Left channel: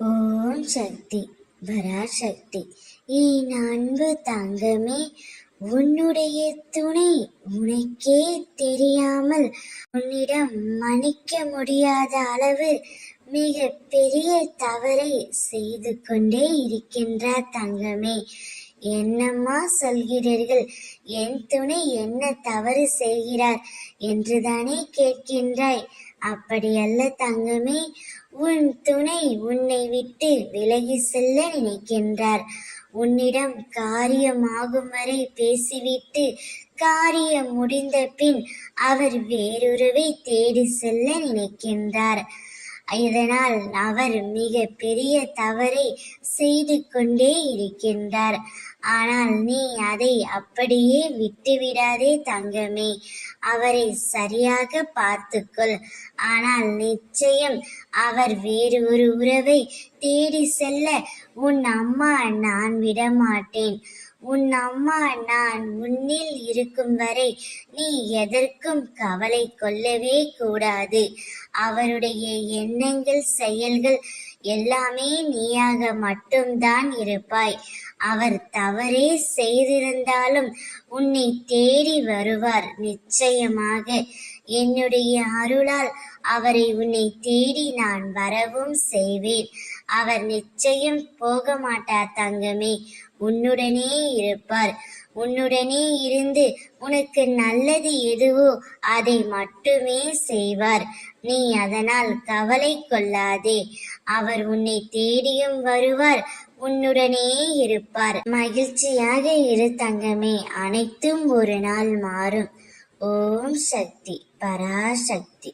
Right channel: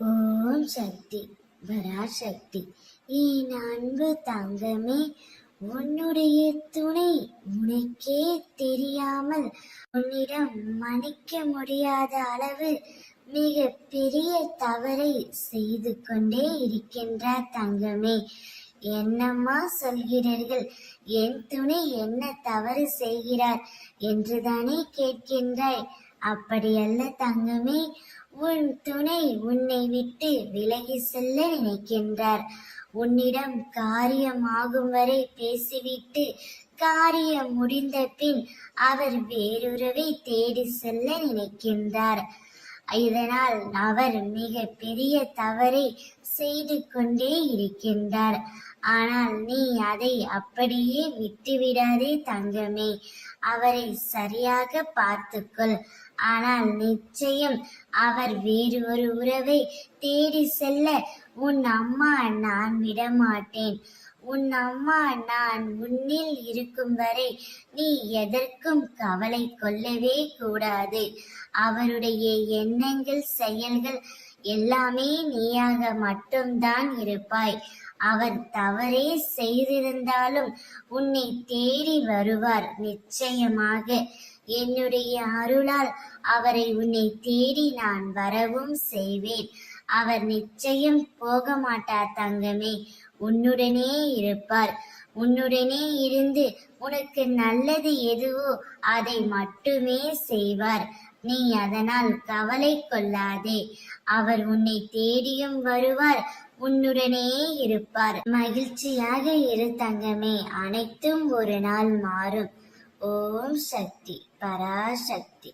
ஓம் சக்தி பராசக்தி. என் அன்பு தங்கமே, உன்னுடைய துணை உனக்கே தெரியாமல் உன்னிடம் மன்னிக்க முடியாத அளவு மிக பெரிய தவறை செய்து கொண்டே இருக்கின்றார் தங்கமே. என்னம்மா சொல்கிறீர்கள்? என் துணை என்ன தவறு செய்கிறார் என்றுதானே கேட்கின்றாய்? அப்படியல்ல தங்கமே, உன் துணை உன்னை விட்டு விலகி செல்ல நினைக்கின்றார். உன்னிடம் காரியமாகும் வரை பேசிவிட்டு காரியம் முடிந்த பின் அவர் வேறொருவை தேடி செல்ல நினைக்கின்றார். இதனால் அவர் மிக பெரிய தவறை செய்து கொண்டே இருக்கின்றார். ஆனால் நீ அதை அப்படியே விட்டுவிடாதே தங்கமே. அவரை சரியாக பார்த்துக்கொள். ஆனால் நிச்சயம் அவர் வேறு ஒரு உறவை தேடி செல்ல உன் அம்மா நான் விடமாட்டேன். உன் அம்மா நான் உன்னில் இருக்கும் வரை நீ எதற்கும் கவலை கொள்ளவே கூடாது. அவருடைய எண்ணங்கள் செயல்கள் எல்லாமே நீயாக மட்டும்தான் இருப்பாய். அவர் தவறே செய்திருந்தாலும் உன்னை தேடி வருவார் நிச்சயமாக. என்னுடைய அருளால் அவரை உன்னை தேடி நான் வரவும் செய்வேன். அவர் நிச்சயம் போக மாட்டார் தங்கமே. உன்னுடனே இருப்பார். உன்னுடனே இருந்து உனக்கு நல்லது எதுவோ அதை மட்டுமே செய்வார். நீ அதனால் கவலை கொள்ளாதே. அவர் உன்னை தேடியும் வருவார், உன்னுடனே இருப்பார். மகிழ்ச்சியாக இரு தங்கமே. அனைத்தும் ஒரு நாள் மாறும். ஓம் சக்தி பராசக்தி.